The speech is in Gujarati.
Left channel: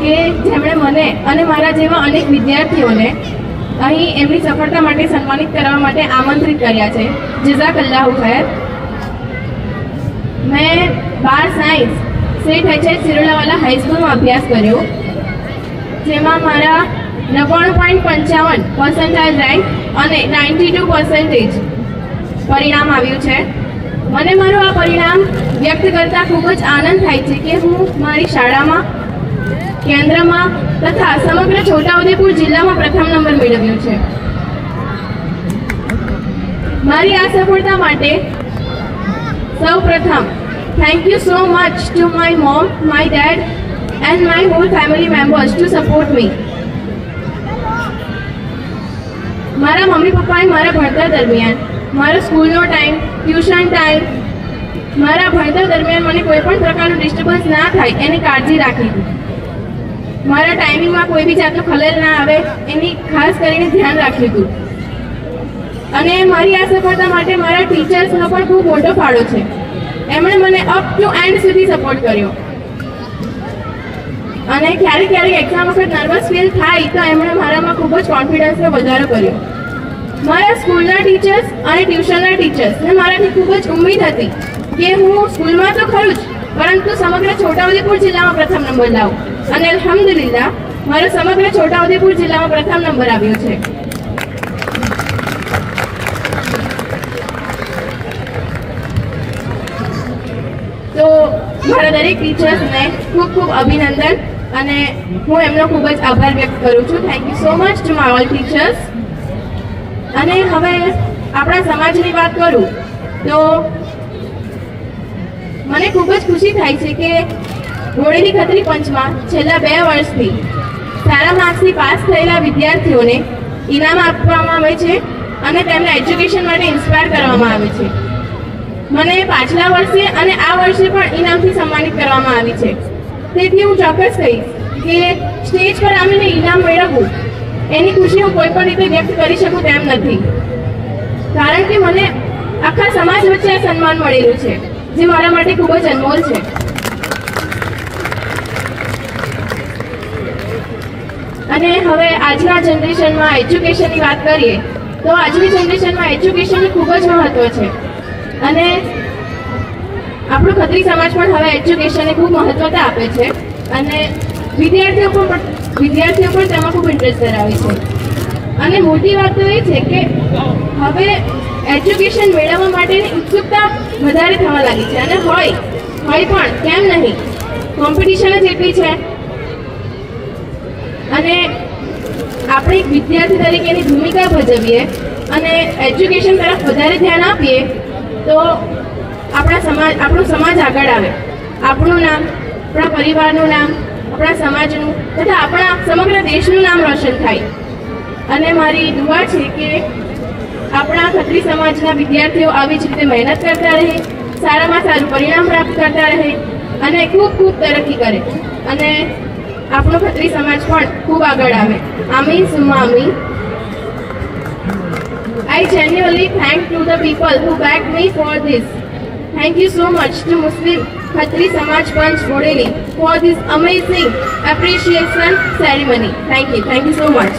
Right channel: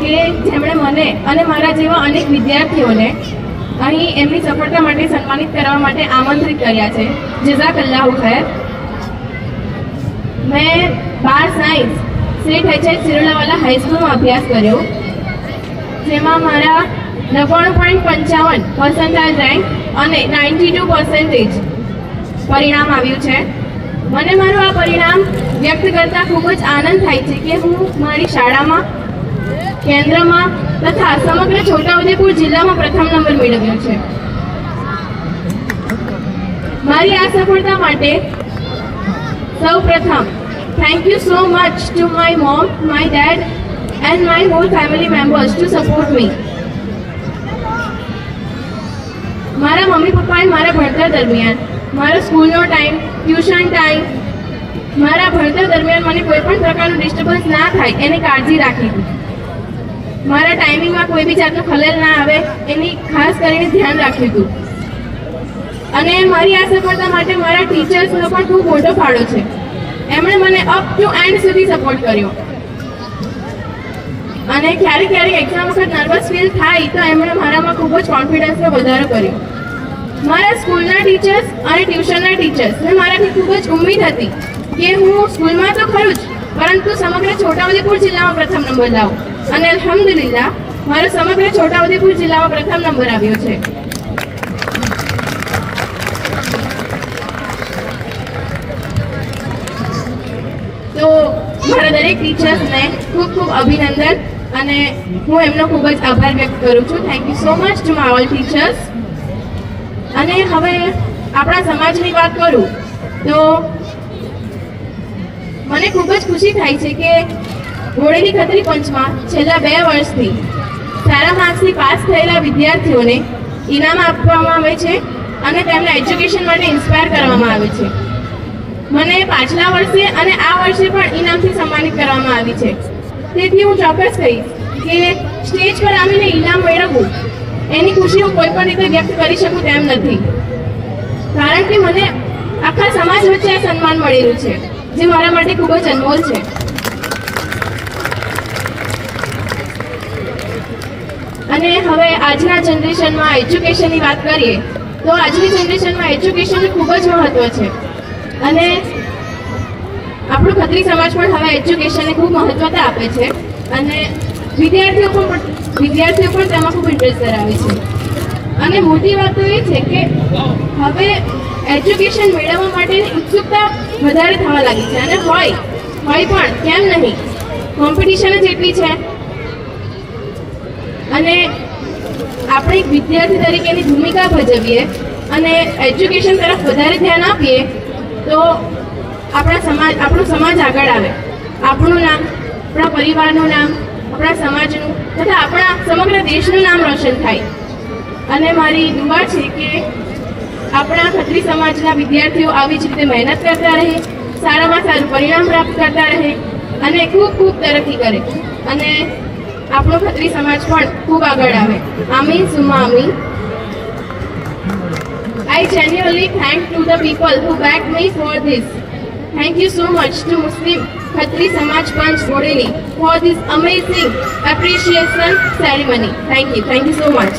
કે જેમણે મને અને મારા જેવા અનેક વિદ્યાર્થીઓને અહીં એમની સફળતા માટે સન્માનિત કરવા માટે આમંત્રિત કર્યા છે. જઝાકલ્લાહુ ખેર. મેં બાર સાયન્સ સેઠ એચએચ સિરોલાવાલા હાઈસ્કૂલમાં અભ્યાસ કર્યો, જેમાં મારા નવ્વાણું પોઈન્ટ પંચાવન પર્સન્ટાઇલ રેન્ક અને નાઇન્ટી ટુ પર્સન્ટેજ પરિણામ આવ્યું છે. મને મારું આ પરિણામ વ્યક્ત કરતાં ખૂબ જ આનંદ થાય છે કે હું મારી શાળામાં કેન્દ્રમાં તથા સમગ્ર છોટાઉદેપુર જિલ્લામાં પ્રથમ નંબર મેળવ્યો છે. મારી આ સફળતા માટે સૌ પ્રથમ thank you so much to my mom my dad and my whole family members to support me મારા મમ્મી પપ્પાએ મારા ભણતર દરમિયાન, મારો સ્કૂલનો ટાઈમ, ટ્યુશન ટાઈમ, મારા ભણતર દરમિયાન મને કોઈ પણ પ્રકારનું ડિસ્ટર્બન્સ ના થાય, એની કાળજી રાખી. મારા ટાઈમિંગમાં કોઈ બી જાતનું ખલેલ ના આવે, એની ખાસ કરીને ધ્યાન રાખ્યું હતું અને મારી આ સફળતા માટે મારા ટીચર્સનો પણ ખૂબ મોટો ફાળો છે. એમણે મને અપ ટુ એન્ડ સુધી સપોર્ટ કર્યો. અને ક્યારેક ક્યારેક એક્ઝામ વખત નર્વસ ફીલ થાય, તો એમણે મારામાં ખૂબ જ કોન્ફિડન્સનો વધારો કર્યો. મારા સ્કૂલના ટીચર્સ અને ટ્યુશનના ટીચર્સને મારાથી ખૂબ જ ઉમ્મીદ હતી કે હું સ્કૂલમાં તો ખરું જ. પરંતુ સમગ્ર છોટાઉદેપુર જિલ્લામાં પ્રથમ નંબર લાવો. અને અલ્હમ્દુલિલ્લાહ, મારો સમગ્ર છોટાઉદેપુર જિલ્લામાં પ્રથમ નંબર આવ્યો છે. તો મારા દરેક ટીચર્સને ખૂબ ખૂબ અભિનંદન અને હું એમનો ખૂબ જ આભાર વ્યક્ત કરું છું. Thank you so much to my all teachers અને હવે આપણા સમાજની વાત કરું તો મને ખૂબ જ ખુશી થાય છે કે હોળીની ખત્રી પંચમાં છેલ્લા બે વર્ષથી સારા માર્ક્સથી પાસ થયેલા વિદ્યાર્થીઓને ઇનામ આપવામાં આવે છે અને તેમને એજ્યુકેશન માટે ઇન્સ્પાયર કરવામાં આવે છે. મને પાછલા વર્ષે અને આ વર્ષે પણ ઇનામથી સન્માનિત કરવામાં આવી છે. તેથી હું ચોક્કસ કહીશ કે સ્ટેજ પર આવીને ઇનામ મેળવવું, એની ખુશી હું કોઈ પણ રીતે વ્યક્ત કરી શકું તેમ નથી. કારણ કે મને આખા સમાજ વચ્ચે સન્માન મળેલું છે. જે મારા માટે ખૂબ જ અનમોલ છે. અને હવે આજના જનરેશનમાં એજ્યુકેશનની વાત કરીએ, તો આજની જનરેશનમાં એજ્યુકેશન ખૂબ જ મહત્વ છે. અને આપણો ખત્રી સમાજ પણ હવે એજ્યુકેશનને ખૂબ મહત્વતા આપે છે. અને વિદ્યાર્થીઓ પણ વિદ્યાર્થીઓ પણ તેમાં ખૂબ ઇન્ટરેસ્ટ ધરાવે છે. અને મોટી વાત તો એ છે કે હવે એજ્યુકેશન મેળવવા માટેની ઉત્સુકતા વધારે થવા લાગી છે. અને હોય હોય પણ, કેમ નહીં? કોમ્પિટિશન જ એટલી છે. અને આપણે એક વિદ્યાર્થી તરીકેની ભૂમિકા ભજવીએ અને એજ્યુકેશન તરફ વધારે ધ્યાન આપીએ, તો આપણા સમાજ, આપણો સમાજ આગળ આવે. આપણું નામ, આપણા પરિવારનું નામ, આપણા સમાજનું, તથા આપણા સમગ્ર દેશનું નામ રોશન થાય. અને મારી દુઆ છે કે આપણા ખત્રી સમાજના વિદ્યાર્થીઓ આવી જ રીતે મહેનત કરતા રહે સારામાં સારું પરિણામ પ્રાપ્ત કરતા રહે અને ખૂબ ખૂબ તરક્કી કરે અને આપણો ખત્રી સમાજ પણ ખૂબ આગળ આવે આમીન Suma આમીન I genuinely thank to the people who backed me for this. Thank you so much to Muslim Khatri Samaj Panch Modeli for this amazing appreciation ceremony. Thank you. Thank you so much.